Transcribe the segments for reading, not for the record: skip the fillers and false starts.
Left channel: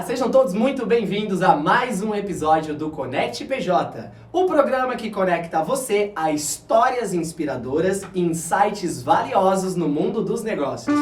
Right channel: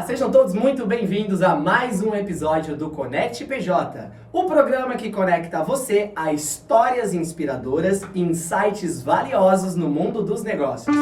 Olá, sejam todos muito bem-vindos a mais um episódio do Conect PJ, o programa que conecta você a histórias inspiradoras e insights valiosos no mundo dos negócios.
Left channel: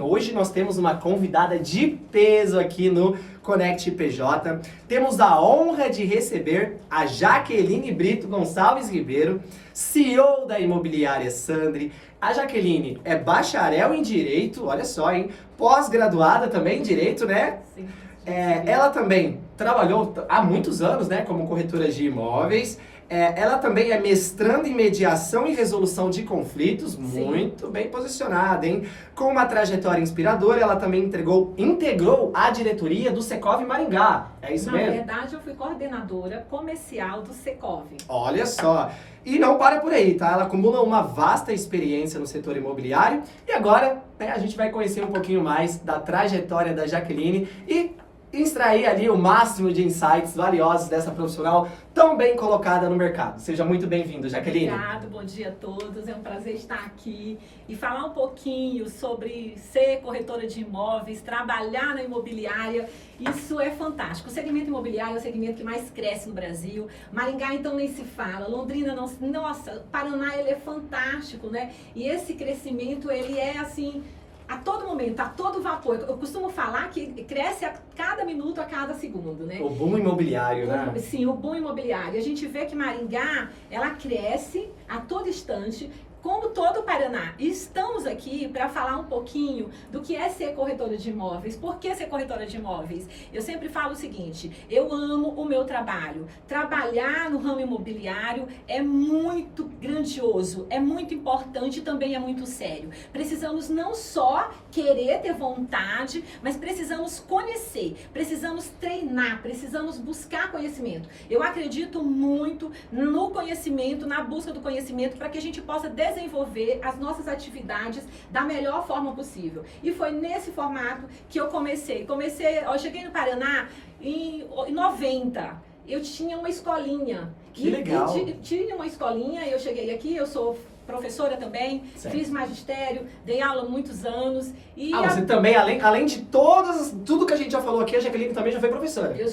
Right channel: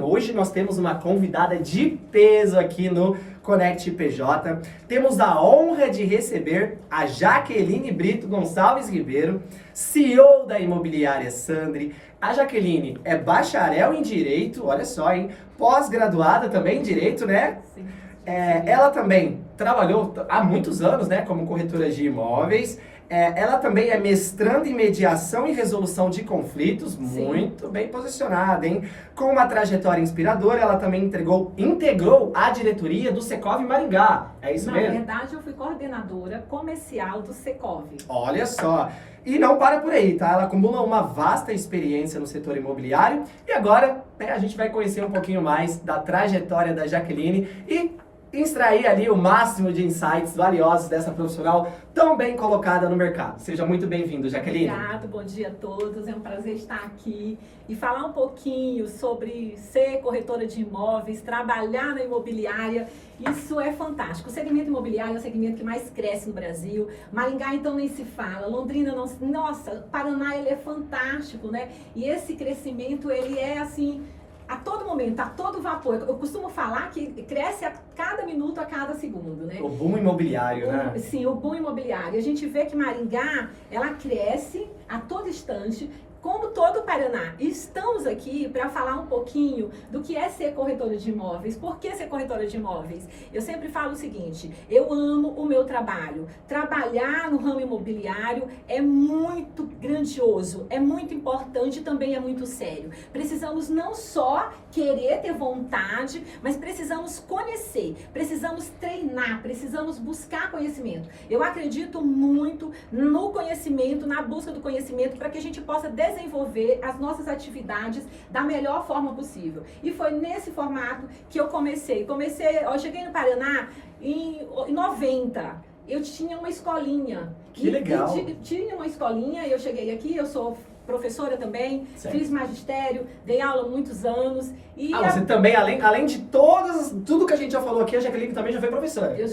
Hoje nós temos uma convidada de peso aqui no Conect PJ. Temos a honra de receber a Jaqueline Brito Gonçalves Ribeiro, CEO da Imobiliária Sandri. A Jaqueline é bacharel em Direito, olha só, hein? Pós-graduada também em Direito, né? Sim. Ela também trabalhou há muitos anos, né, como corretora de imóveis. Ela também é mestranda em mediação e resolução de conflitos, Sim. Muito bem posicionada, hein? Com uma trajetória inspiradora, ela também integrou a diretoria do Secov Maringá. É isso mesmo? Na verdade, eu fui coordenadora comercial do Secov. Olha só. E não para por aí, tá? Ela acumula uma vasta experiência no setor imobiliário. E agora, né, a gente vai conhecer um pouquinho mais da trajetória da Jaqueline e extrair ali o máximo de insights valiosos dessa profissional tão bem colocada no mercado. Seja muito bem-vindo, Jaqueline. Obrigada, bom dia a todos. É um prazer estar aqui e falar um pouquinho sobre ser corretora de imóveis, trabalhar na imobiliária. Isso é fantástico. O segmento imobiliário é o segmento que mais cresce no Brasil. Maringá, então, nem se fala. Londrina, não. Nossa, Paraná, ele é fantástico, né? E esse crescimento, ele é assim, a todo momento, a todo vapor. Eu costumo falar que cresce a cada minuto, a cada segundo, né? O boom imobiliário, né? Sim, o boom imobiliário. A gente vê que Maringá, ela cresce a todo instante, como todo o Paraná. E estamos aqui para falar um pouquinho do que é ser corretora de imóveis. Por que ser corretora de imóveis? Eu sempre falo o seguinte, eu amo o meu trabalho. Trabalhar no ramo imobiliário é muito grandioso, é muito importante e também é muito sério. Precisamos não só querer ter vontade, mas precisamos conhecer, precisamos treinar, precisamos buscar conhecimento. Eu acredito muito no conhecimento, na busca do conhecimento, para que a gente possa desenvolver as nossas atividades da melhor forma possível. E foi nesse formato que eu comecei. Eu cheguei no Paraná em 90. Eu tinha uma escolinha. Que legal. Tinha uma escolinha, eu cheguei aqui, eu sou professora também, certo. Fiz magistério, dei aula há muitos anos. E você também, além de tudo que a gente já falou aqui, a Jaqueline também já foi professora. Eu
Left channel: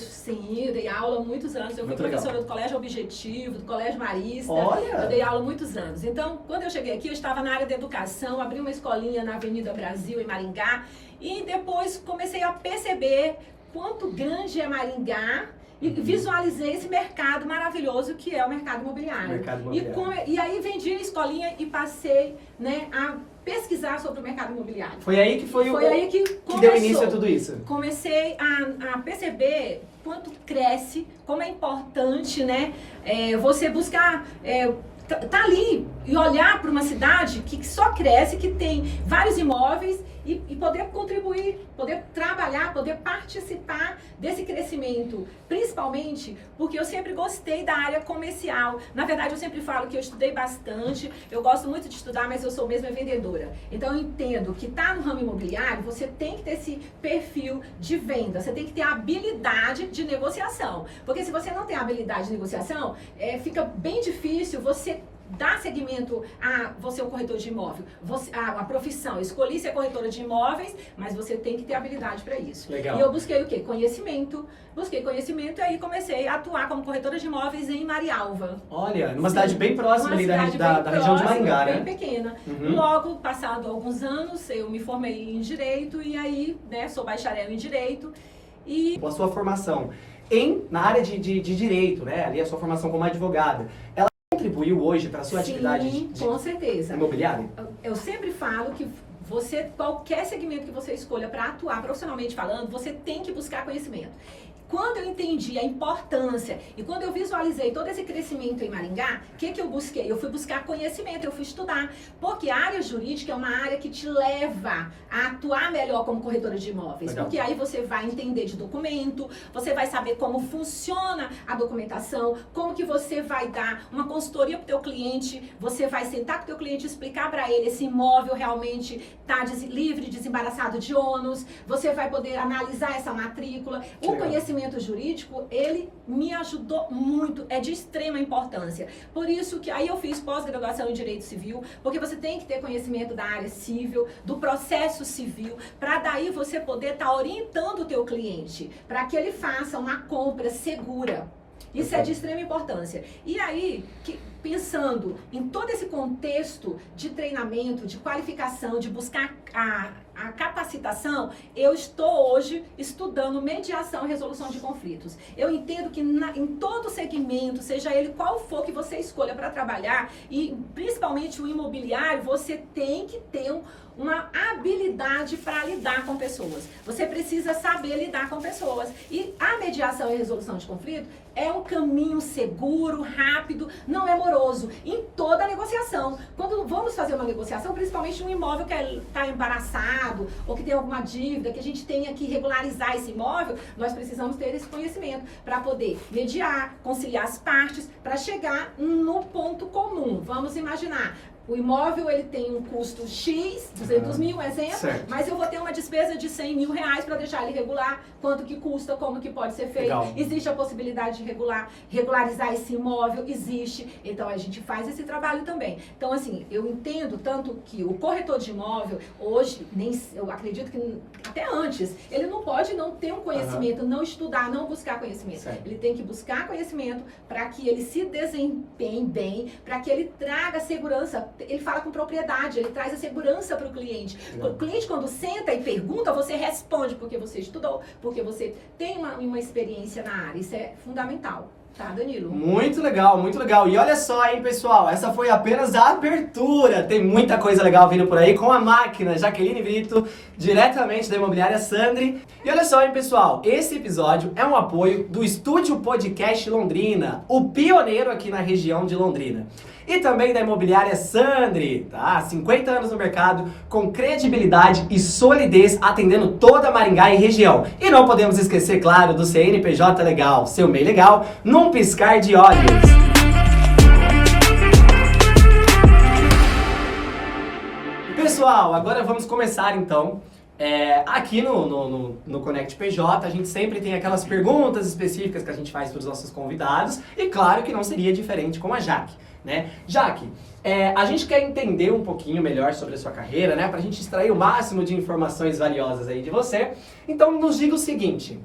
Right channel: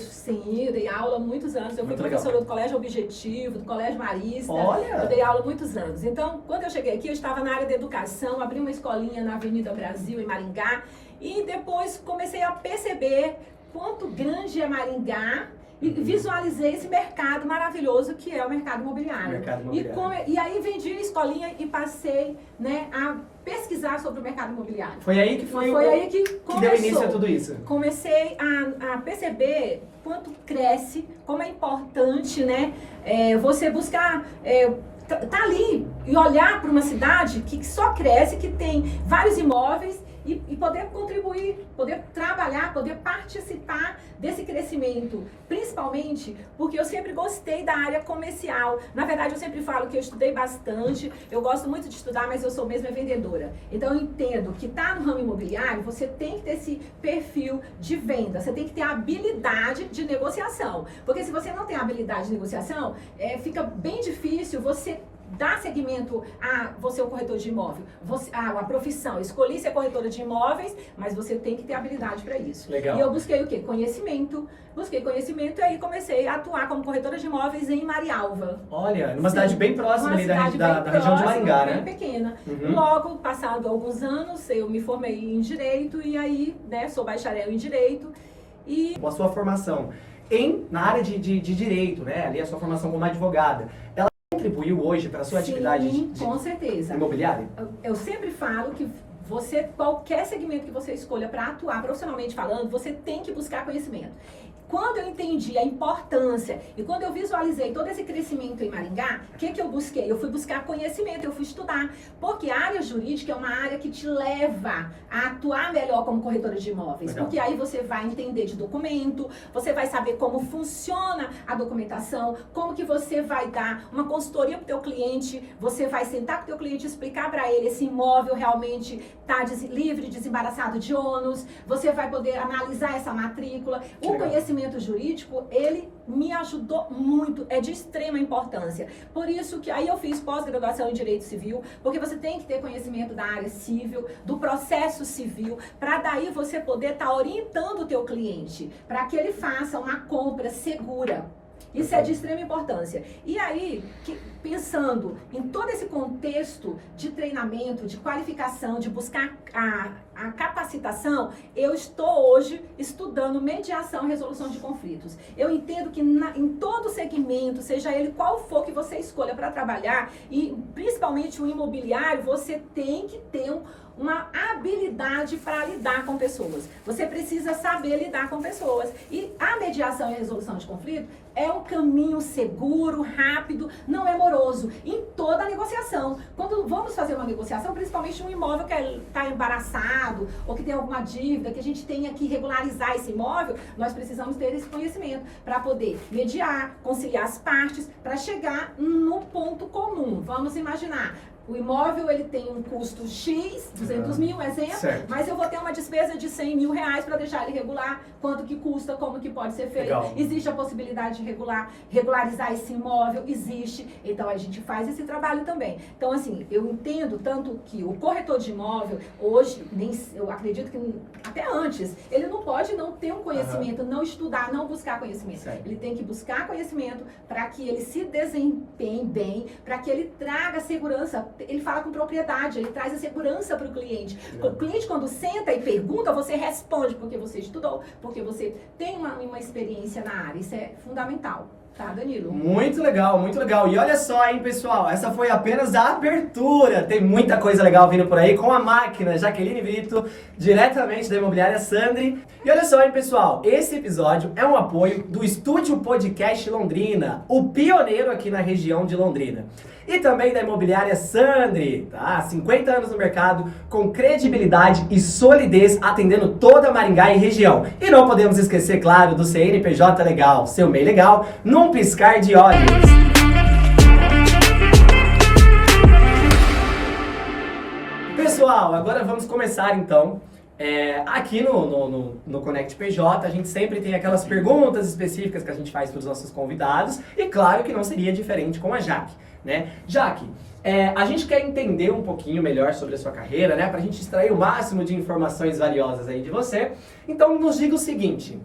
dei aula há muitos anos. Eu fui professora do Colégio Objetivo, do Colégio Marista. Olha. Eu dei aula há muitos anos. Então, quando eu cheguei aqui, eu estava na área da educação, abri uma escolinha na Avenida Brasil, em Maringá. E depois comecei a perceber quanto grande é Maringá. E visualizei esse mercado maravilhoso que é o mercado imobiliário. E aí vendi a escolinha e passei, né, a pesquisar sobre o mercado imobiliário. Foi aí que que deu início a tudo isso. Comecei a perceber quanto cresce, como é importante, né, você buscar tá ali e olhar para uma cidade que só cresce, que tem vários imóveis e poder contribuir, poder trabalhar, poder participar desse crescimento, principalmente porque eu sempre gostei da área comercial. Na verdade, eu sempre falo que eu estudei bastante, eu gosto muito de estudar, mas eu sou mesmo vendedora. Então, eu entendo que tá no ramo imobiliário, você tem que ter esse perfil de venda, você tem que ter a habilidade de negociação. Porque se você não tem a habilidade de negociação, fica bem difícil você dar seguimento a você, um corretor de imóvel, a profissão. Eu escolhi ser corretora de imóveis, mas você tem que ter habilidade para isso. Legal. E eu busquei o quê? Busquei conhecimento e aí comecei a atuar como corretora de imóveis em Marialva. Olha, numa cidade bem próxima ali da região de Maringá, né? Bem pequena. Logo, passado alguns anos, eu me formei em Direito e aí, né, sou bacharel em Direito. E a sua formação na área de Direito, né? Ali a sua formação como advogada, ela contribuiu hoje para a sua atividade com certeza. imobiliária? Eu sempre falo que qualquer segmento que você escolha para atuar profissionalmente falando, você tem que buscar conhecimento. Quando eu entendi a importância e quando eu visualizei todo esse crescimento em Maringá, o que eu busquei? Eu fui buscar conhecimento, eu fui estudar. Porque a área jurídica é uma área que te leva a atuar melhor como corretora de imóveis. Legal. Porque aí você vai entender de documento, você vai saber como funciona a documentação, como que você vai dar uma consultoria para o teu cliente, você vai sentar com o teu cliente e explicar para ele esse imóvel realmente está livre, desembaraçado de ônus, você vai poder analisar essa matrícula. O conhecimento conhecimento jurídico, ele me ajudou muito, é de extrema importância. Por isso que aí eu fiz pós-graduação em Direito Civil, porque você tem que ter conhecimento da área civil, do processo civil, para daí você poder estar orientando o teu cliente, para que ele faça uma compra segura. Isso é de extrema importância. E aí, pensando em todo esse contexto de treinamento, de qualificação, de buscar a capacitação, eu estou hoje estudando mediação e resolução de conflitos. Eu entendo que em todo segmento, seja ele qual for que você escolha para trabalhar, e principalmente o imobiliário, você tem que ter uma habilidade para lidar com pessoas. Você precisa saber lidar com pessoas. E a mediação e resolução de conflito é um caminho seguro, rápido, não é moroso, em toda a negociação. Quando vamos fazer uma negociação, principalmente um imóvel que está embaraçado ou que tem alguma dívida, que a gente tenha que regularizar esse imóvel, nós precisamos ter esse conhecimento para poder mediar, conciliar as partes, para chegar no ponto comum. Vamos imaginar, o imóvel ele tem um custo X, 200 mil, exemplo, certo. Mas eu vou ter uma despesa de 100 mil reais para deixar ele regular, quanto que custa, como que pode ser feito. Legal. Existe a possibilidade de regularizar esse imóvel, existe. Então a gente faz esse trabalho também. Então assim, eu entendo tanto que o corretor de imóvel, hoje, eu acredito que até antes, ele não pode não ter um conhecimento, não estudar, não buscar conhecimento. Certo. Ele tem que buscar conhecimento para que ele se desempenhe bem, para que ele traga segurança. Ele fala com propriedade, ele traz a segurança para o cliente. O cliente, quando senta e pergunta, você responde porque você estudou, porque você tem uma experiência na área. Isso é fundamental. Tá, Danilo? Muito legal, muito legal. E olha só, hein, pessoal, essa foi apenas a abertura. Tem muita coisa legal vindo por aí com a máquina Jaqueline Brito, diretamente da Imobiliária Sandri. E olha só, hein, pessoal, esse episódio é um apoio do Estúdio Podcast Londrina, o pioneiro aqui na região de Londrina. E também da Imobiliária Sandri, tá? 50 anos no mercado, com credibilidade e solidez, atendendo toda Maringá e região. E não podemos esquecer, claro, do CNPJ Legal, seu MEI legal, num piscar de olhos. Pessoal, agora vamos começar então. Aqui no Connect PJ, a gente sempre tem aquelas perguntas específicas que a gente faz para os nossos convidados. E claro que não seria diferente com a Jaque. Né? Jaque, a gente quer entender um pouquinho melhor sobre a sua carreira, né? Pra gente extrair o máximo de informações valiosas aí de você. Então nos diga o seguinte,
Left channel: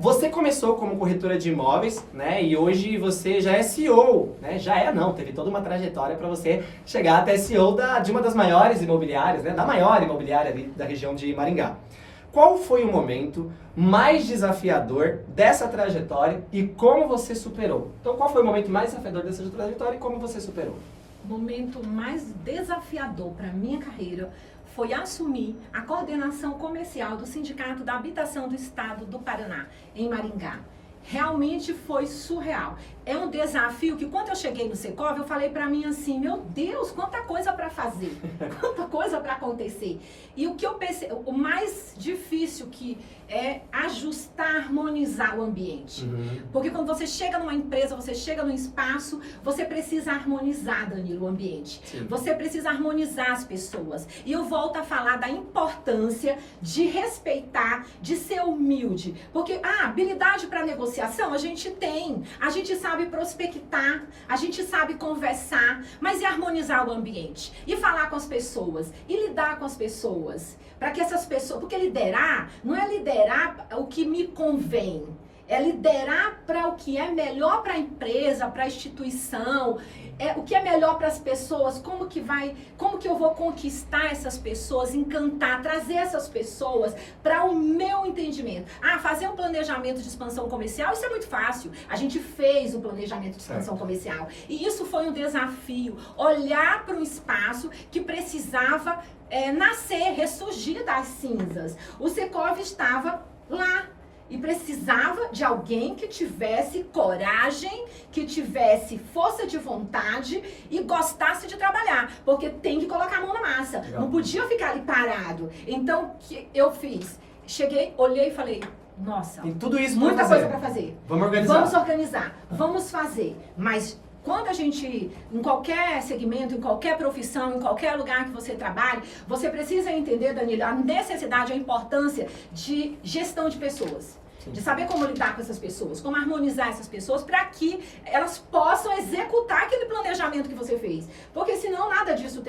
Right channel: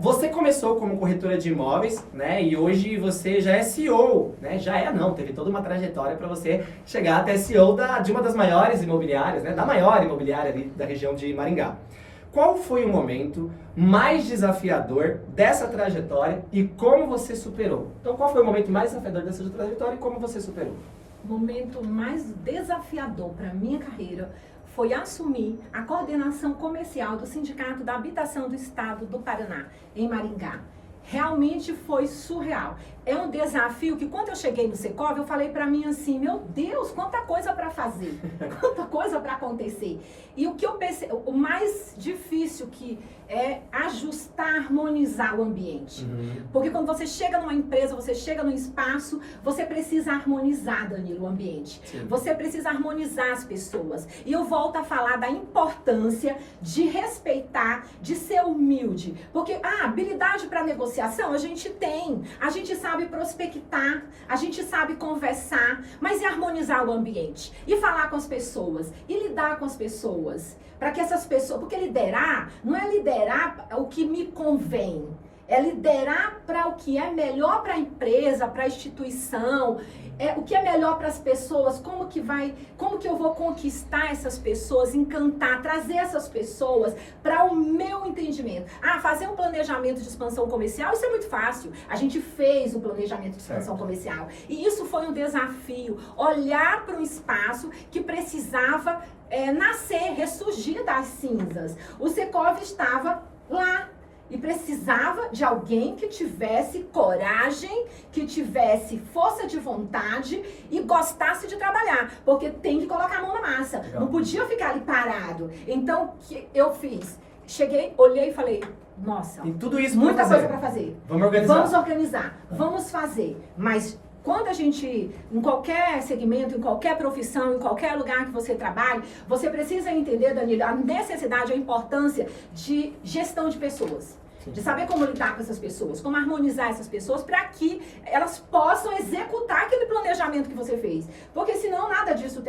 você começou como corretora de imóveis, né? E hoje você já é CEO, né? Teve toda uma trajetória para você chegar até CEO de uma das maiores imobiliárias, né? Da maior imobiliária ali da região de Maringá. Qual foi o momento mais desafiador dessa trajetória e como você superou? Então, qual foi o momento mais desafiador dessa trajetória e como você superou? O momento mais desafiador para a minha carreira foi assumir a coordenação comercial do Sindicato da Habitação do Estado do Paraná, em Maringá. Realmente foi surreal. É um desafio que quando eu cheguei no Secov, eu falei pra mim assim, meu Deus, quanta coisa pra fazer, quanta coisa pra acontecer. E o que eu pensei, o mais difícil que é ajustar, harmonizar o ambiente. Porque quando você chega numa empresa, você chega num espaço, você precisa harmonizar, Danilo, o ambiente. Sim. Você precisa harmonizar as pessoas. E eu volto a falar da importância de respeitar, de ser humilde. Porque habilidade para negociação a gente tem. A gente sabe prospectar, a gente sabe conversar, mas e harmonizar o ambiente? E falar com as pessoas, e lidar com as pessoas, para que essas pessoas, porque liderar não é liderar o que me convém, é liderar para o que é melhor para a empresa, para a instituição, o que é melhor para as pessoas, como que eu vou conquistar essas pessoas, encantar, trazer essas pessoas para o meu entendimento. Fazer um planejamento de expansão comercial, isso é muito fácil. A gente fez um planejamento de expansão comercial. E isso foi um desafio, olhar para um espaço que precisava nascer, ressurgir das cinzas. O Secov estava lá. E precisava de alguém que tivesse coragem, que tivesse força de vontade e gostasse de trabalhar. Porque tem que colocar a mão na massa. Legal. Não podia ficar ali parado. Então, o que eu fiz? Cheguei, olhei e falei, nossa, tem tudo isso muita coisa para fazer. Vamos organizar. Vamos fazer. Mas quando a gente, em qualquer segmento, em qualquer profissão, em qualquer lugar que você trabalhe, você precisa entender, Danilo, a necessidade, a importância de gestão de pessoas. Sim. De saber como lidar com essas pessoas, como harmonizar essas pessoas para que elas possam executar aquele planejamento que você fez. Porque senão nada disso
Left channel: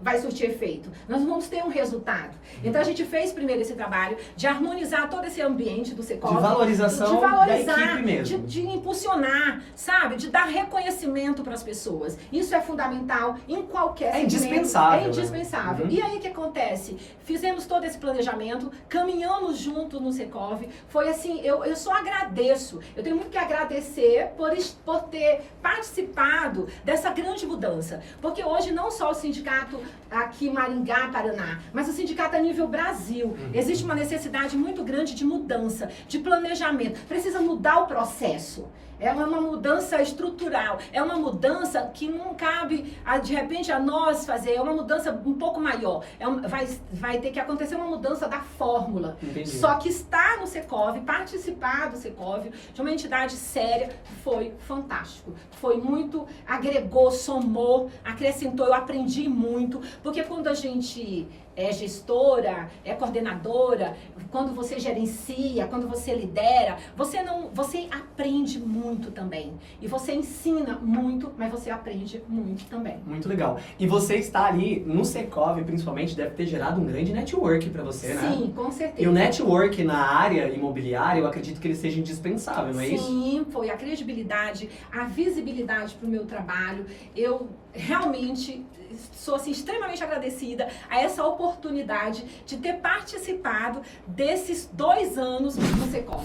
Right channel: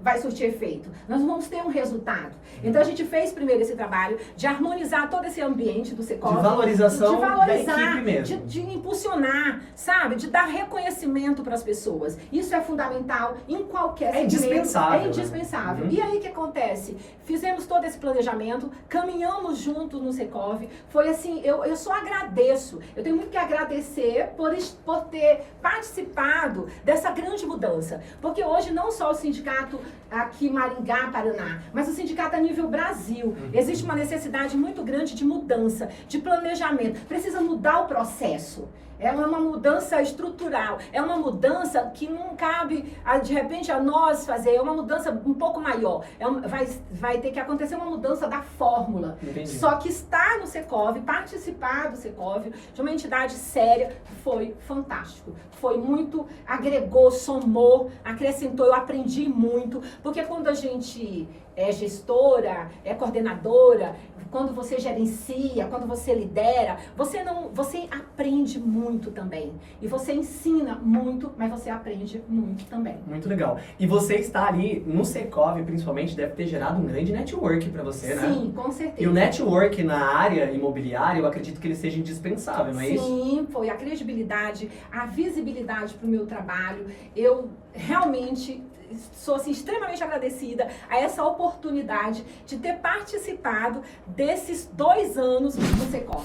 vai surtir efeito. Nós vamos ter um resultado. Então a gente fez primeiro esse trabalho de harmonizar todo esse ambiente do Secov. De valorização da equipe mesmo. De impulsionar, sabe? De dar reconhecimento para as pessoas. Isso é fundamental em qualquer segmento. Indispensável. É indispensável. Né? E aí o que acontece? Fizemos todo esse planejamento, caminhamos junto no Secov. Foi assim, eu só agradeço. Eu tenho muito que agradecer por ter participado dessa grande mudança. Porque hoje não só o sindicato aqui em Maringá, Paraná, mas o sindicato a nível Brasil. Existe uma necessidade muito grande de mudança, de planejamento. Precisa mudar o processo. É uma mudança estrutural, é uma mudança que não cabe, de repente, a nós fazer, é uma mudança um pouco maior. Vai ter que acontecer uma mudança da fórmula. Entendi. Só que estar no Secov, participar do Secov, de uma entidade séria, foi fantástico. Foi muito, agregou, somou, acrescentou, eu aprendi muito, porque quando a gente é gestora, é coordenadora, quando você gerencia, quando você lidera, você aprende muito também. E você ensina muito, mas você aprende muito também. Muito legal. E você está ali no Secov, principalmente, deve ter gerado um grande network para você, né? Sim, com certeza. E o network na área imobiliária, eu acredito que ele seja indispensável, não é isso? Sim, foi a credibilidade, a visibilidade para o meu trabalho. Eu realmente sou assim, extremamente agradecida a essa oportunidade de ter participado desses 2 anos no Secov.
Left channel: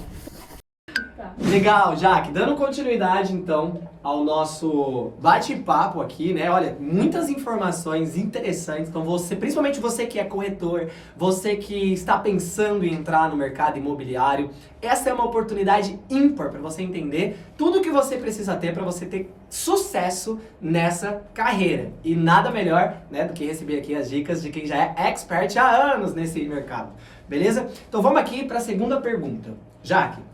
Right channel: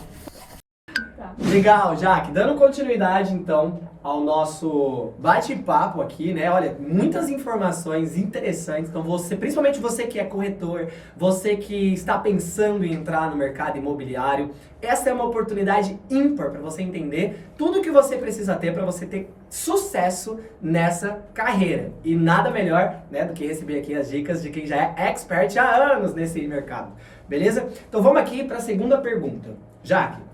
Tá. Legal, Jaque. Dando continuidade, então, ao nosso bate-papo aqui, né? Olha, muitas informações interessantes. Então, principalmente você que é corretor, você que está pensando em entrar no mercado imobiliário, essa é uma oportunidade ímpar para você entender tudo o que você precisa ter para você ter sucesso nessa carreira. E nada melhor, né, do que receber aqui as dicas de quem já é expert há anos nesse mercado. Beleza? Então, vamos aqui para a segunda pergunta. Jaque,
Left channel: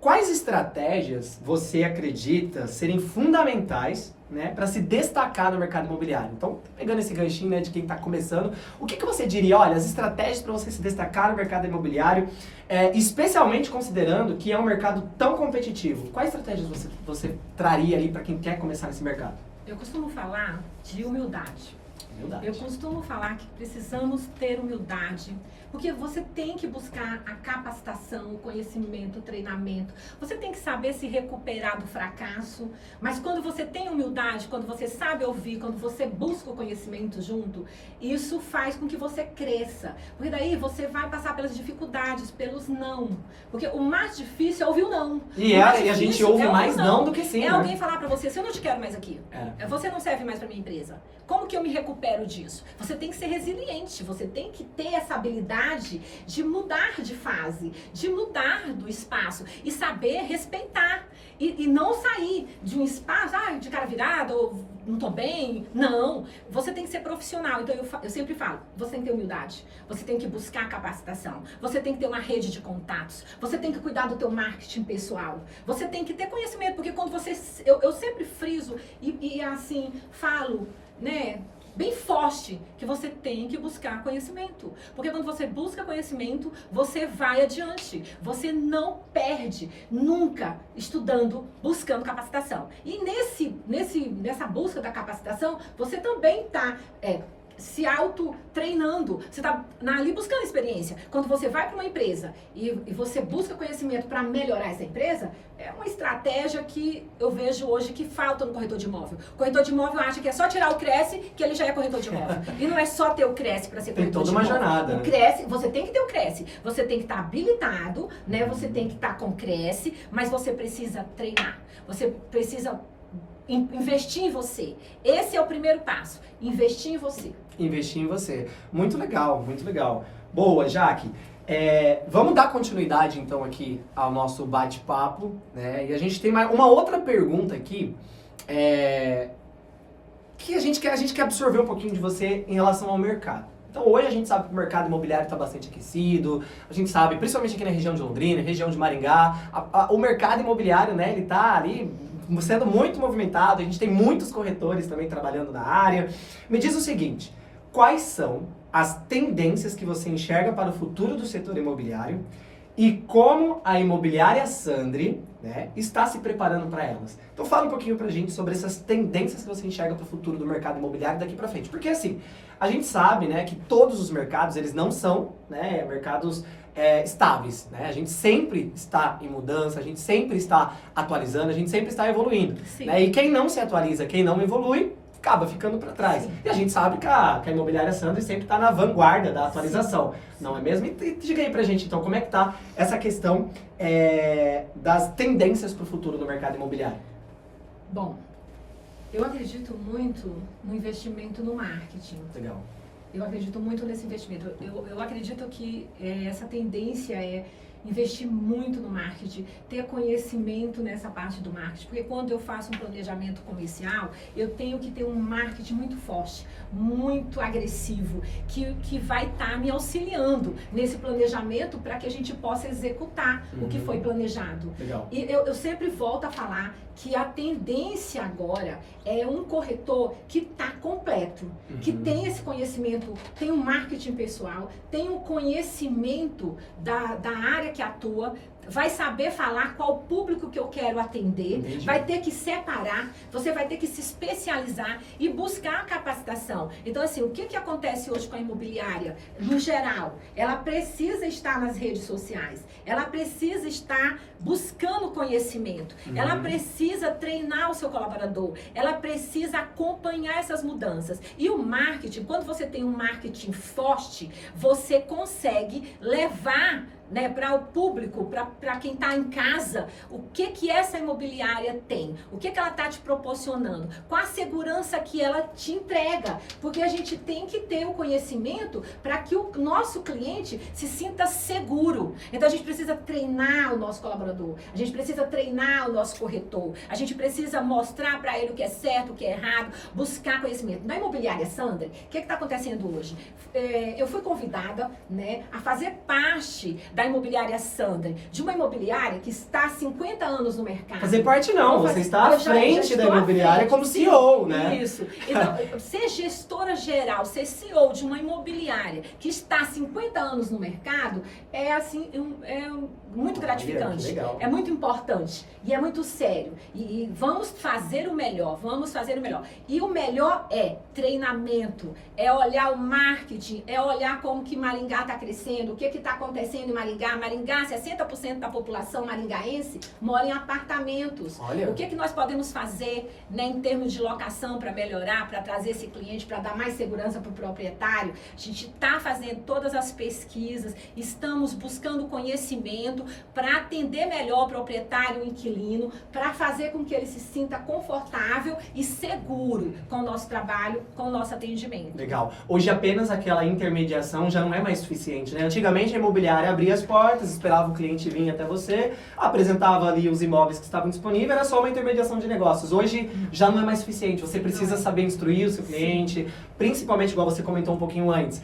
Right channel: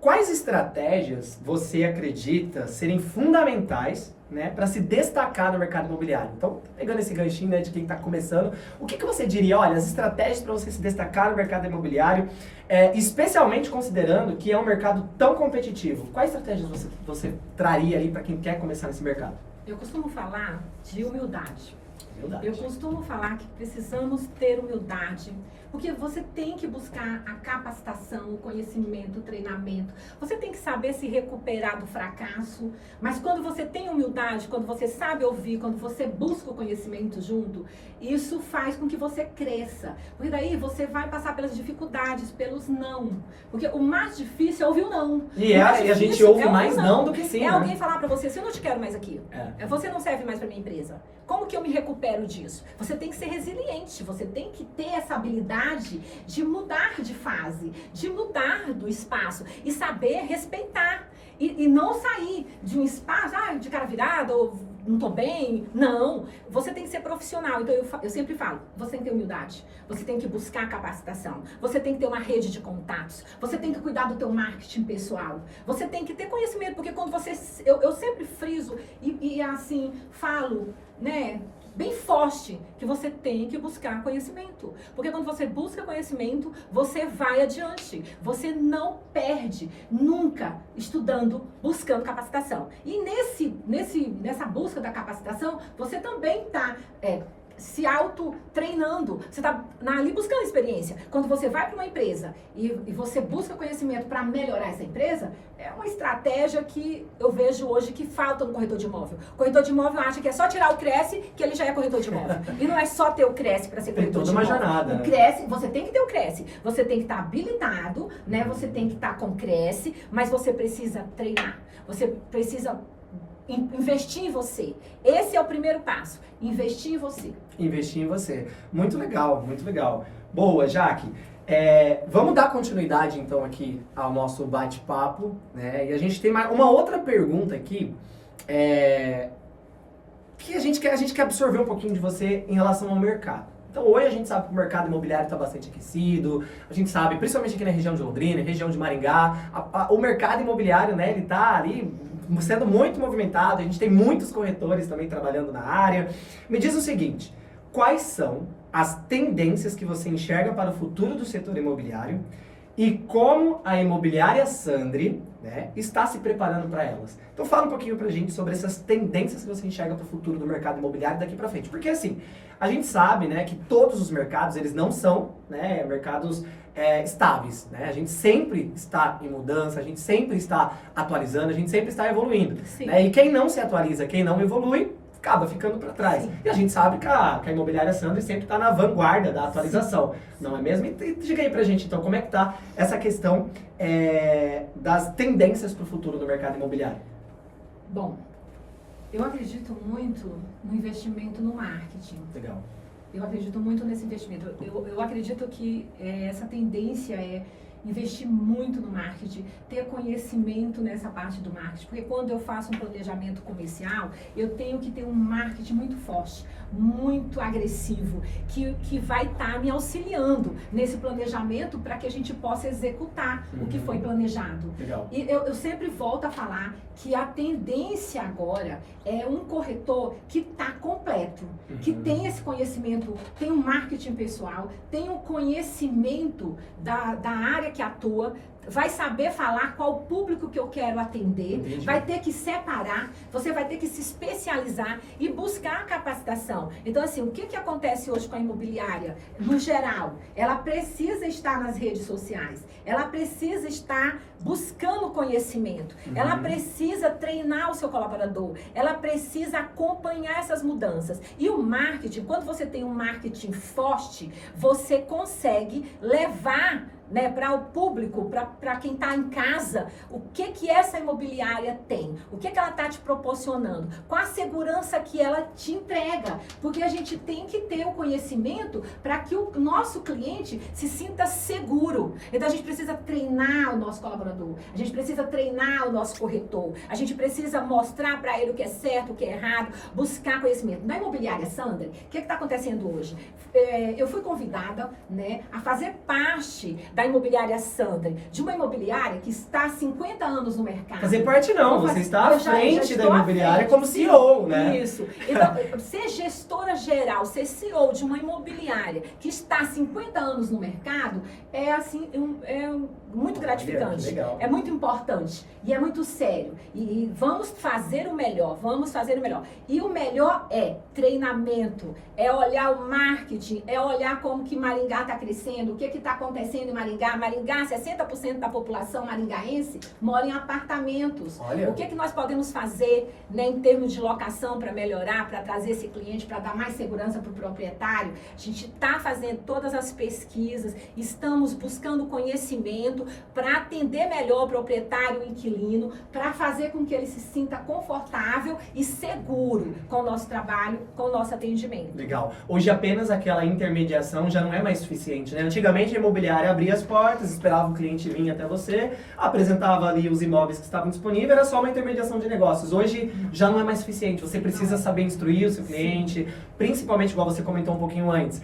quais estratégias você acredita serem fundamentais, né, para se destacar no mercado imobiliário? Então, pegando esse ganchinho, né, de quem está começando, o que você diria, olha, as estratégias para você se destacar no mercado imobiliário, especialmente considerando que é um mercado tão competitivo? Quais estratégias você traria ali para quem quer começar nesse mercado? Eu costumo falar de humildade. Humildade. Eu costumo falar que precisamos ter humildade, porque você tem que buscar a capacitação, o conhecimento, o treinamento. Você tem que saber se recuperar do fracasso, mas quando você tem humildade, quando você sabe ouvir, quando você busca o conhecimento junto, isso faz com que você cresça. Porque daí você vai passar pelas dificuldades, pelos não. Porque o mais difícil é ouvir o não. E a gente ouve mais não do que sim, É né? alguém falar pra você, eu não te quero mais aqui. Você não serve mais pra minha empresa. Como que eu me recupero disso? Você tem que ser resiliente, você tem que ter essa habilidade de mudar de fase, de mudar do espaço e saber respeitar. E não sair de um espaço, de cara virada, ou não tô bem. Não, você tem que ser profissional. Então eu sempre falo, você tem que ter humildade, você tem que buscar capacitação, você tem que ter uma rede de contatos, você tem que cuidar do teu marketing pessoal, você tem que ter conhecimento, porque quando você... Eu sempre friso e assim, falo, né, bem forte, que você tem que buscar conhecimento. Porque quando você busca conhecimento, você vai adiante. Você não perde nunca estudando, buscando capacitação. E nessa busca da capacitação, você também está se auto-treinando. Você está ali buscando experiência. Quando você vai para uma empresa e você busca conhecimento para melhorar essa empresa, é uma estratégia que eu vejo hoje que falta no corretor de imóvel. O corretor de imóvel acha que é só tirar o Cresce que ele já é corretor de imóvel. E não é só ter o Cresce para ser corretor de imóvel. Tem toda uma jornada. O Cresce, você tem que ter o Cresce. Você tem que estar habilitado, né? Você tem que estar com Cresce, mas você precisa treinar. Você precisa investir em você. Esse é o primeiro passo. Investir em você. Investir em você. Muito legal, muito legal. Boa, Jaque. Vamos dar continuidade, então, aqui ao nosso bate-papo, né? E a gente tem mais uma outra pergunta aqui, que a gente quer absorver um pouquinho de você em relação ao mercado. Então, hoje a gente sabe que o mercado imobiliário está bastante aquecido, a gente sabe, principalmente aqui na região de Londrina, região de Maringá, o mercado imobiliário, né, ele está ali sendo muito movimentado, a gente tem muitos corretores também trabalhando na área. Me diz o seguinte, quais são as tendências que você enxerga para o futuro do setor imobiliário e como a imobiliária Sandri, né, está se preparando para elas. Então fala um pouquinho pra gente sobre essas tendências que você enxerga para o futuro do mercado imobiliário daqui para frente. Porque assim, a gente sabe, né, que todos os mercados, eles não são, né, mercados estáveis, né? A gente sempre está em mudança, a gente sempre está atualizando, a gente sempre está evoluindo. Né? E quem não se atualiza, quem não evolui, acaba ficando para trás. Sim. E a gente sabe que a imobiliária Sandri sempre está na vanguarda da atualização, sim, não é mesmo? E diga aí pra gente, então, como é que tá essa questão das tendências para o futuro do mercado imobiliário? Bom, eu acredito muito no investimento no marketing. Legal. Eu acredito muito nesse investimento. Eu acredito que essa tendência é investir muito no marketing, ter conhecimento nessa parte do marketing, porque quando eu faço um planejamento comercial, eu tenho que ter um marketing muito forte, muito agressivo, que vai estar me auxiliando nesse planejamento para que a gente possa executar o que foi planejado. Legal. E eu sempre volto a falar que a tendência agora é um corretor que está completo, que tem esse conhecimento, tem um marketing pessoal, tem um conhecimento da área que atua, vai saber falar qual público que eu quero atender, entendi, vai ter que separar, você vai ter que se especializar e buscar a capacitação. Então, assim, o que acontece hoje com a imobiliária? No geral, ela precisa estar nas redes sociais, ela precisa estar buscando conhecimento, ela precisa treinar o seu colaborador, ela precisa acompanhar essas mudanças. E o marketing, quando você tem um marketing forte, você consegue levar, né, para o público, para quem está em casa, o que essa imobiliária tem, o que ela está te proporcionando, qual a segurança que ela te entrega, porque a gente tem que ter o conhecimento para que o nosso cliente se sinta seguro. Então a gente precisa treinar o nosso colaborador, a gente precisa treinar o nosso corretor, a gente precisa mostrar para ele o que é certo, o que é errado, buscar conhecimento. Na imobiliária Sandri, o que está acontecendo hoje? Eu fui convidada, né, a fazer parte da imobiliária Sandri, de uma imobiliária que está há 50 anos no mercado. Fazer parte não, você está à frente da imobiliária como CEO, né? Isso. Então, ser gestora geral, ser CEO de uma imobiliária que está há 50 anos no mercado, é assim, muito gratificante. Legal. É muito importante e é muito sério. E vamos fazer o melhor, vamos fazer o melhor. E o melhor é treinamento, é olhar o marketing, é olhar como que Maringá está crescendo, o que está acontecendo em Maringá. Maringá, 60% da população maringaense mora em apartamentos. Olha. O que nós podemos fazer, né, em termos de locação para melhorar, para trazer esse cliente, para dar mais segurança para o proprietário? A gente está fazendo todas as pesquisas, estamos buscando conhecimento para atender melhor o proprietário, o inquilino, para fazer com que ele se sinta confortável e seguro com o nosso trabalho, com o nosso atendimento. Legal. Hoje apenas aquela intermediação já não é mais suficiente, né? Antigamente a imobiliária abria as portas, esperava o cliente vir até você, apresentava ali os imóveis que estavam disponíveis, era só uma intermediação de negócios. Hoje já não é mais suficiente, você precisa saber instruir o seu cliente, principalmente, igual você comentou um pouquinho antes,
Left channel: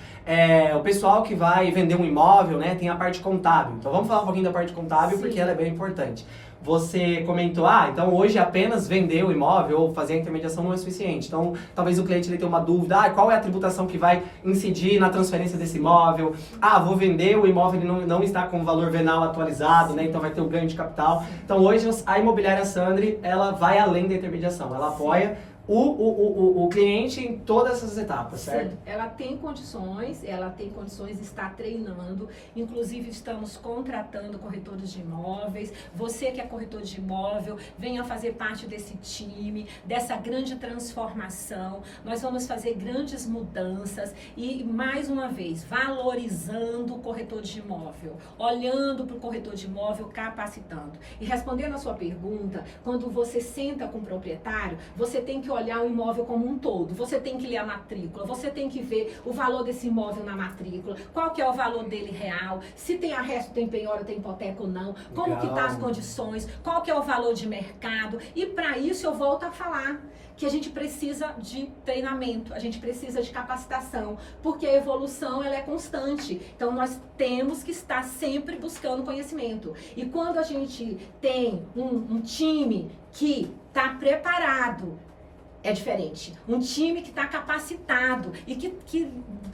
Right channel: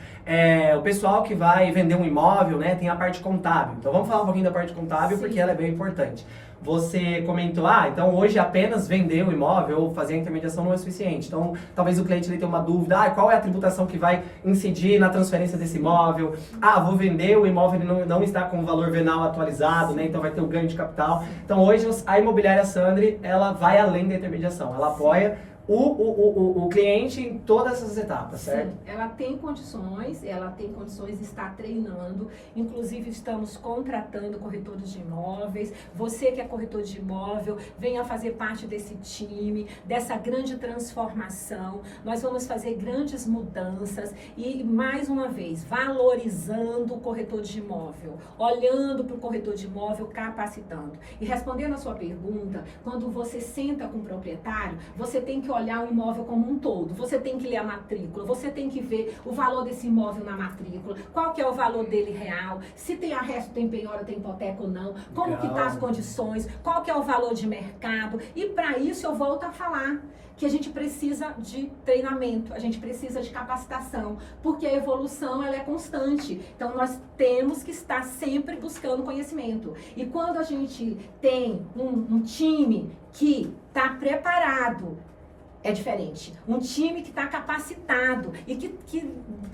o pessoal que vai vender um imóvel, né, tem a parte contábil. Então vamos falar um pouquinho da parte contábil, porque ela é bem importante. Você comentou, então hoje apenas vender o imóvel ou fazer a intermediação não é suficiente. Então, talvez o cliente ele tenha uma dúvida, qual é a tributação que vai incidir na transferência desse imóvel? Vou vender, o imóvel ele não está com o valor venal atualizado, né? Então vai ter o ganho de capital. Então hoje a imobiliária Sandri, ela vai além da intermediação, ela apoia o cliente em todas essas etapas, certo? Sim, ela tem condições de estar treinando, inclusive estamos contratando corretores de imóveis. Você que é corretor de imóvel, venha fazer parte desse time, dessa grande transformação. Nós vamos fazer grandes mudanças e, mais uma vez, valorizando o corretor de imóvel, olhando para o corretor de imóvel, capacitando. E respondendo a sua pergunta, quando você senta com o proprietário, você tem que olhar o imóvel como um todo, você tem que ler a matrícula, você tem que ver o valor desse imóvel na matrícula, qual que é o valor dele real, se tem arresto, tem penhora, tem hipoteca ou não, como que tá as condições, qual que é o valor de mercado. E para isso eu volto a falar que a gente precisa de treinamento, a gente precisa de capacitação, porque a evolução ela é constante. Então nós temos que estar sempre buscando conhecimento. E quando a gente tem um time que está preparado, é diferente. Um time que está capacitado e que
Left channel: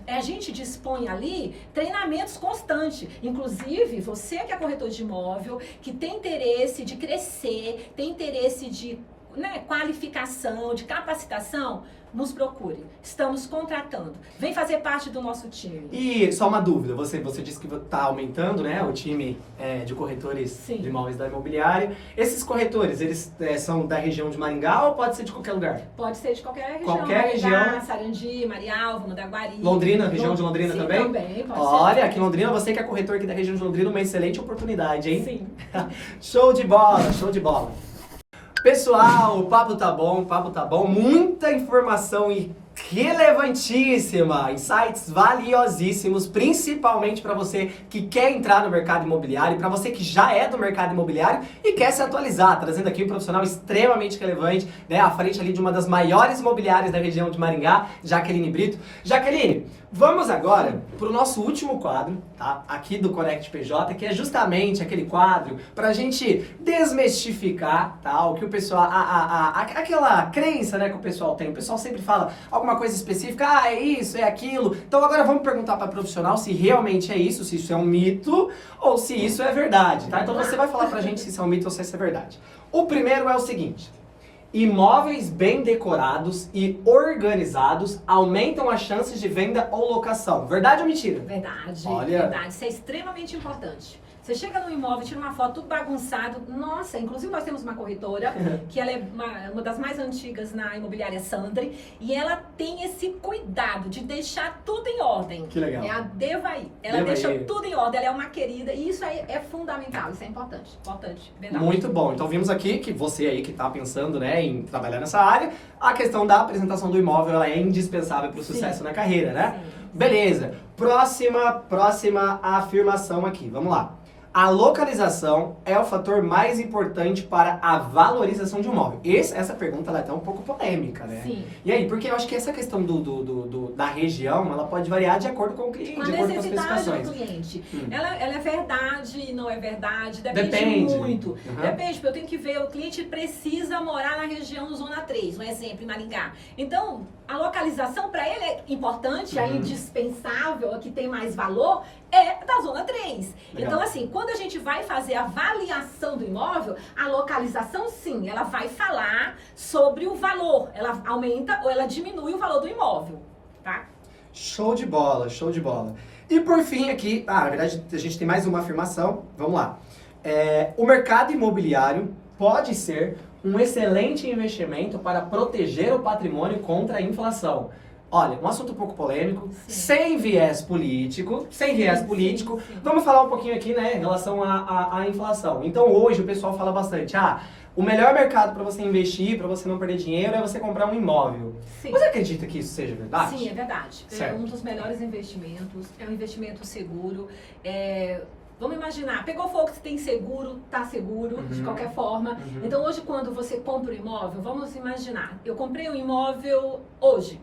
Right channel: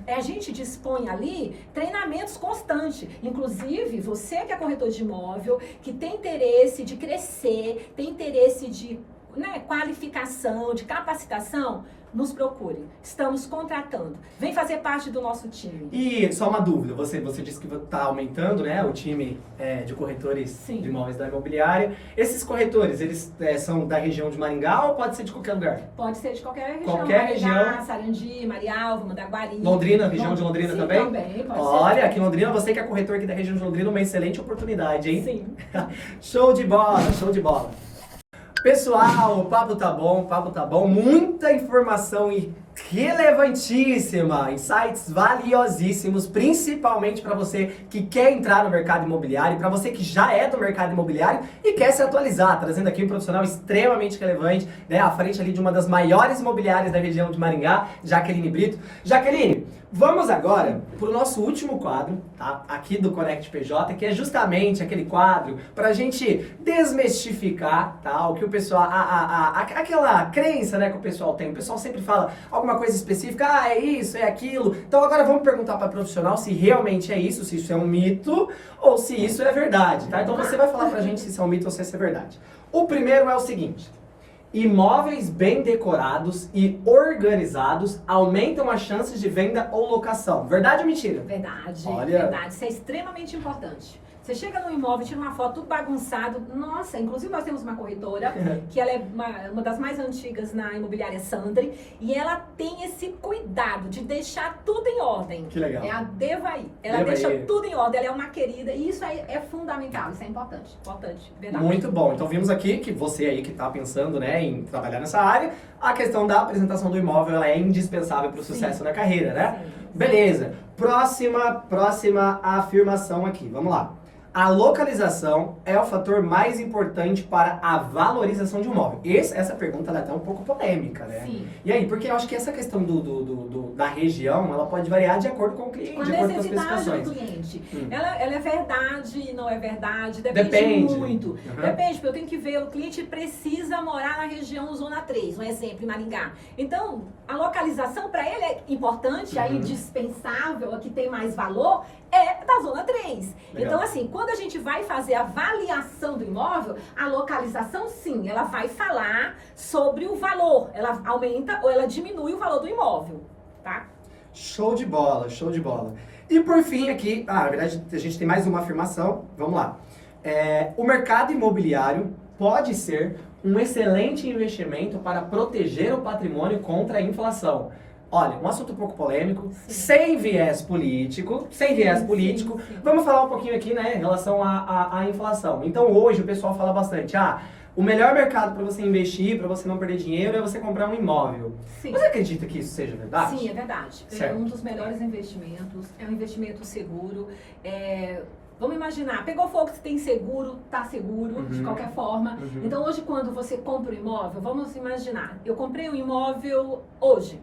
a gente dispõe ali treinamentos constantes. Inclusive, você que é corretor de imóvel, que tem interesse de crescer, tem interesse de qualificação, de capacitação, nos procure. Estamos contratando. Vem fazer parte do nosso time. E só uma dúvida, você disse que está aumentando, né, o time de corretores Sim. de imóveis da imobiliária. Esses corretores, eles são da região de Maringá ou pode ser de qualquer lugar? Pode ser de qualquer região. Qualquer Maringá, região. Sarandi, Marialva, Mandaguari. Londrina, região de Londrina Sim, também? Também, pode Olha, ser. aqui em Londrina, você que é corretor aqui da região de Londrina, uma excelente oportunidade, hein? Sim. Show de bola, show de bola. Pessoal, o papo tá bom, muita informação e relevantíssima, insights valiosíssimos, principalmente para você que quer entrar no mercado imobiliário, para você que já é do mercado imobiliário e quer se atualizar, trazendo aqui um profissional extremamente relevante, né, à frente ali de uma das maiores imobiliárias da região de Maringá, Jaqueline Brito. Jaqueline, vamos agora para o nosso último quadro, tá? Aqui do Connect PJ, que é justamente aquele quadro para a gente desmistificar, tá? O que o pessoal, aquela crença, né, que o pessoal tem. O pessoal sempre fala alguma coisa específica, é isso, é aquilo. Então agora vamos perguntar para a profissional se realmente é isso, se isso é um mito ou se isso é verdade, tá? Então você vai falar pra gente se isso é um mito ou se isso é verdade. O primeiro é o seguinte: imóveis bem decorados e organizados aumentam as chances de venda ou locação. Verdade ou mentira? Verdade, Olha. verdade. Isso é extremamente importante. Você chega no imóvel, tira uma foto, tudo bagunçado. Nossa, inclusive nós temos uma corretora, que ela é uma das mais antigas na imobiliária Sandri, e ela tem esse cuidado de deixar tudo em ordem. Que legal. É a Devaí. Ela Devaí. deixa tudo em ordem, ela é uma querida, e isso aí é fundamental, isso é importante, verdade. Muito bom. Então vimos aqui que você aí que está pensando, né, em trabalhar nessa área, a questão da apresentação do imóvel ela é indispensável para o sucesso na carreira, né? Sim. Beleza. Próxima afirmação aqui. Vamos lá. A localização é o fator mais importante para a valorização de um imóvel. Essa pergunta ela é até um pouco polêmica, né? Sim. E aí, porque eu acho que essa questão da região, ela pode variar de acordo com o cliente, Com a de acordo com as necessidade do especificações. cliente. Ela é verdade, não é verdade, depende Depende. muito. Uhum. Depende, porque eu tenho que ver, o cliente precisa morar na região Zona 3, um exemplo, em Maringá. Então, a localização para ele é importante, é indispensável, a que tem mais valor, é da Zona 3. Legal. Então, assim, quando a gente vai fazer a avaliação do imóvel, a localização, sim, ela vai falar sobre o valor. Ela aumenta ou ela diminui o valor do imóvel, tá? Show de bola, show de bola. E por fim aqui, na verdade a gente tem mais uma afirmação, vamos lá. O mercado imobiliário pode ser um excelente investimento para proteger o patrimônio contra a inflação. Olha, um assunto um pouco polêmico, Sim. sem viés político, Sim. Vamos falar um pouquinho aqui, né, em relação à inflação. Então hoje o pessoal fala bastante, o melhor mercado para você investir, para você não perder dinheiro, é você comprar um imóvel. Sim. Você acredita que isso seja verdade? Sim, é verdade. Certo. É um dos melhores investimentos, é um investimento seguro. Vamos imaginar, pegou fogo, você tem seguro, tá seguro, de qualquer forma. Então hoje quando você compra um imóvel, vamos imaginar, eu comprei um imóvel hoje.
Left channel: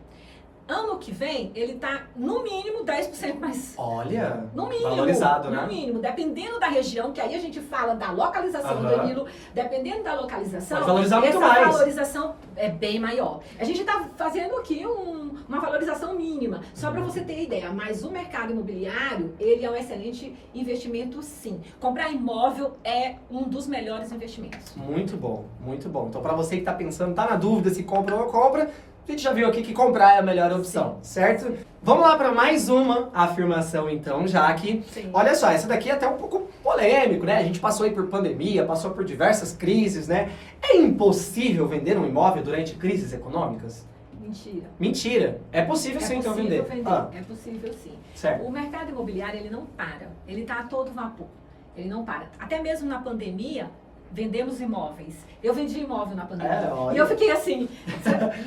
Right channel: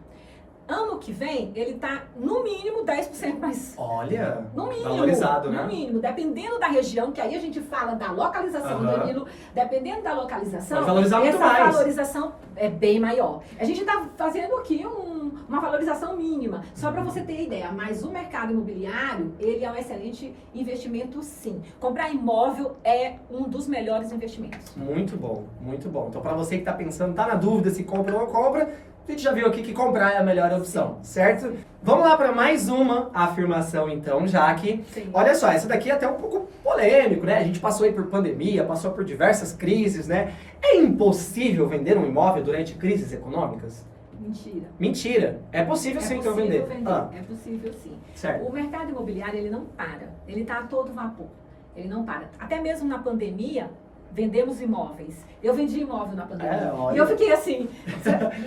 Ano que vem, ele tá no mínimo 10% mais. Olha, No mínimo. valorizado, né? No mínimo. Dependendo da região, que aí a gente fala da localização, Danilo. Dependendo da localização, Pode valorizar muito essa mais. valorização é bem maior. A gente tá fazendo aqui uma valorização mínima, só para você ter ideia. Mas o mercado imobiliário, ele é um excelente investimento, sim. Comprar imóvel é um dos melhores investimentos. Muito bom, muito bom. Então, para você que tá pensando, tá na dúvida se compra ou não compra, a gente já viu aqui que comprar é a melhor opção, certo? Vamos lá para mais uma afirmação, então, Jaque. Sim. Olha só, essa daqui é até um pouco polêmico, né? A gente passou aí por pandemia, passou por diversas crises, né? É impossível vender um imóvel durante crises econômicas? Mentira. Mentira. É possível sim então vender. É possível sim. Certo. O mercado imobiliário, ele não para. Ele está a todo vapor. Ele não para. Até mesmo na pandemia, vendemos imóveis. Eu vendi imóvel na pandemia. Olha. E eu fiquei assim,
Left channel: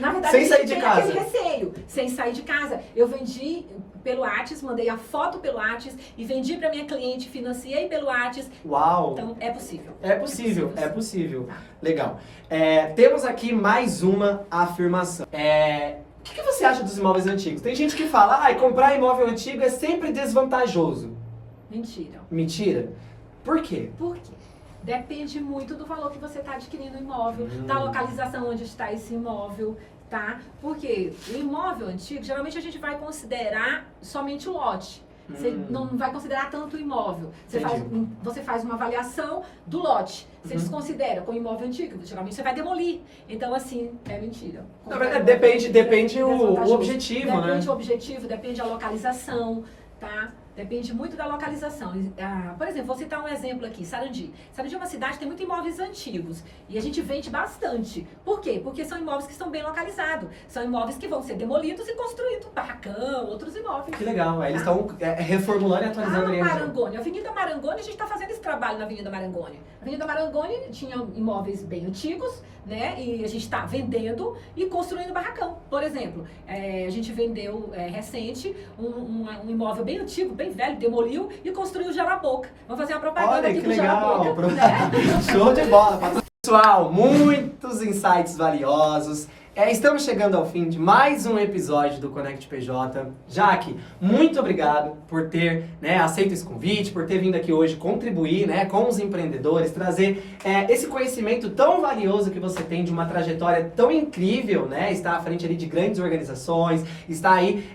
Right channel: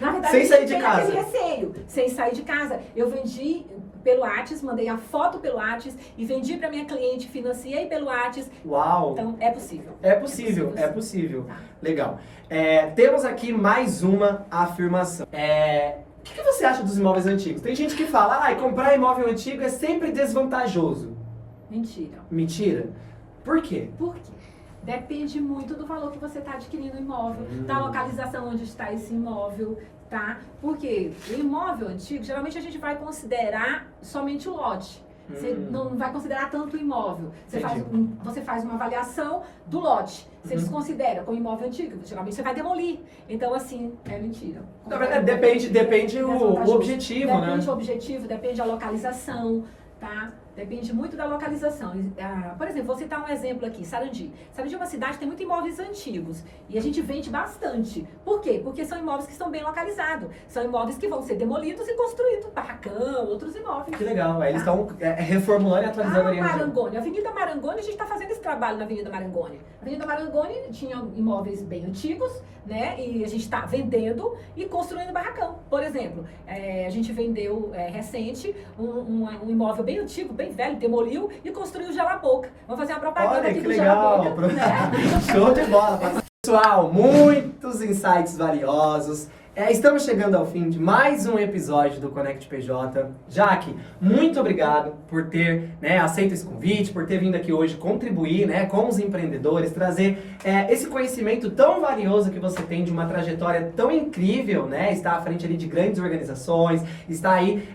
na verdade, Sem a gente sair de tem casa. aquele receio. Sem sair de casa. Eu vendi pelo Whats, mandei a foto pelo Whats e vendi para minha cliente, financiei pelo Whats. Uau! Então, é possível. É possível. sim. Tá. Legal. Temos aqui mais uma afirmação. O que você acha dos imóveis antigos? Tem gente que fala, comprar imóvel antigo é sempre desvantajoso. Mentira. Mentira? Por quê? Por quê? Depende muito do valor que você está adquirindo o imóvel, da localização onde está esse imóvel, tá? Porque o imóvel antigo, geralmente a gente vai considerar somente o lote. Você não vai considerar tanto o imóvel. Você faz uma avaliação do lote. Você desconsidera com o imóvel antigo. Geralmente você vai demolir. Então, assim, é mentira. Na verdade, depende o objetivo, né? Depende o objetivo, depende a localização, tá? Depende muito da localização. Por exemplo, vou citar um exemplo aqui, Sarandi. Sarandi é uma cidade que tem muitos imóveis antigos e a gente vende bastante. Por quê? Porque são imóveis que estão bem localizados. São imóveis que vão ser demolidos e construídos, barracão, outros imóveis. Que legal, eles estão reformulando e atualizando ali. Marangoni, Avenida Marangoni, a gente está fazendo esse trabalho na Avenida Marangoni. A Avenida Marangoni tinha imóveis bem antigos, né? E a gente está vendendo e construindo barracão. Por exemplo, a gente vendeu recente um imóvel bem antigo, bem velho, demoliu e construiu o Gelaboca. Vamos fazer uma propaganda aqui do Gelaboca. Né? Show de bola! Pessoal, muitos insights valiosos. Estamos chegando ao fim de mais um episódio do Conect PJ. Jaque, muito obrigado por ter aceito esse convite, por ter vindo aqui hoje contribuir com os empreendedores, trazer esse conhecimento tão valioso que você tem de uma trajetória tão incrível, está à frente ali de grandes organizações, está aí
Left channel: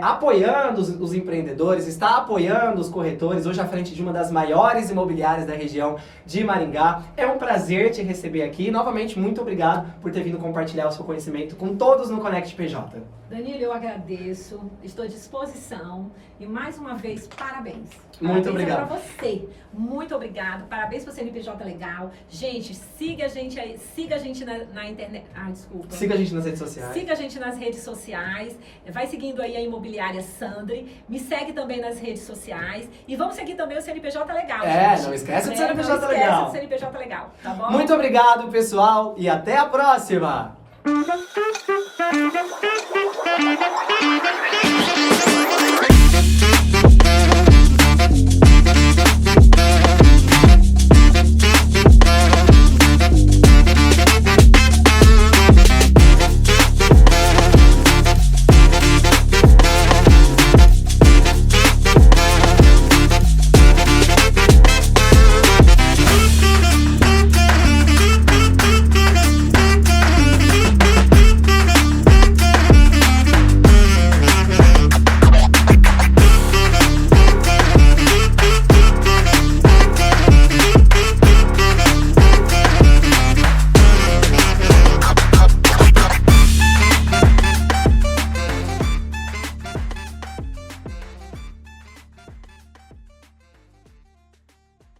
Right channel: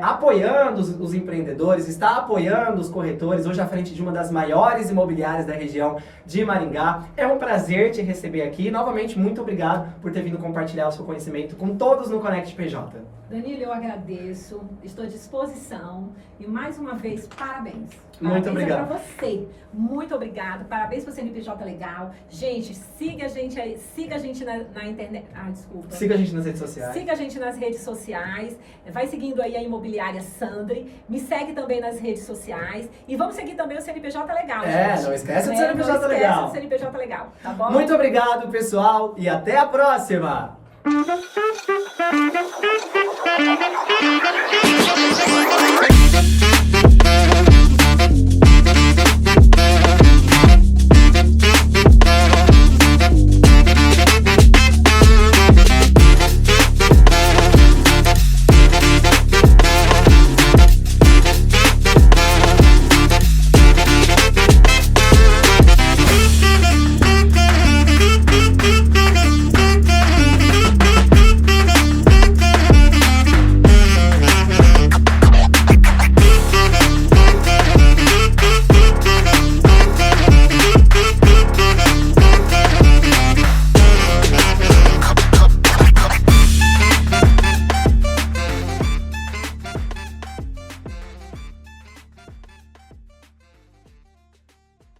apoiando os empreendedores, está apoiando os corretores, hoje à frente de uma das maiores imobiliárias da região de Maringá. É um prazer te receber aqui. Novamente, muito obrigado por ter vindo compartilhar o seu conhecimento com todos no Conect PJ. Danilo, eu agradeço, estou à disposição e mais uma vez, parabéns. Muito obrigado. Para você, muito obrigado, parabéns para o CNPJ Legal. Gente, siga a gente aí, siga a gente na internet, desculpa. Siga a gente nas redes sociais. Siga a gente nas redes sociais, vai seguindo aí a Imobiliária Sandri, me segue também nas redes sociais e vamos seguir também o CNPJ Legal, gente. Não esquece do CNPJ Legal. Não esquece do CNPJ Legal, tá bom? Muito obrigado, pessoal, e até a próxima! Thank you.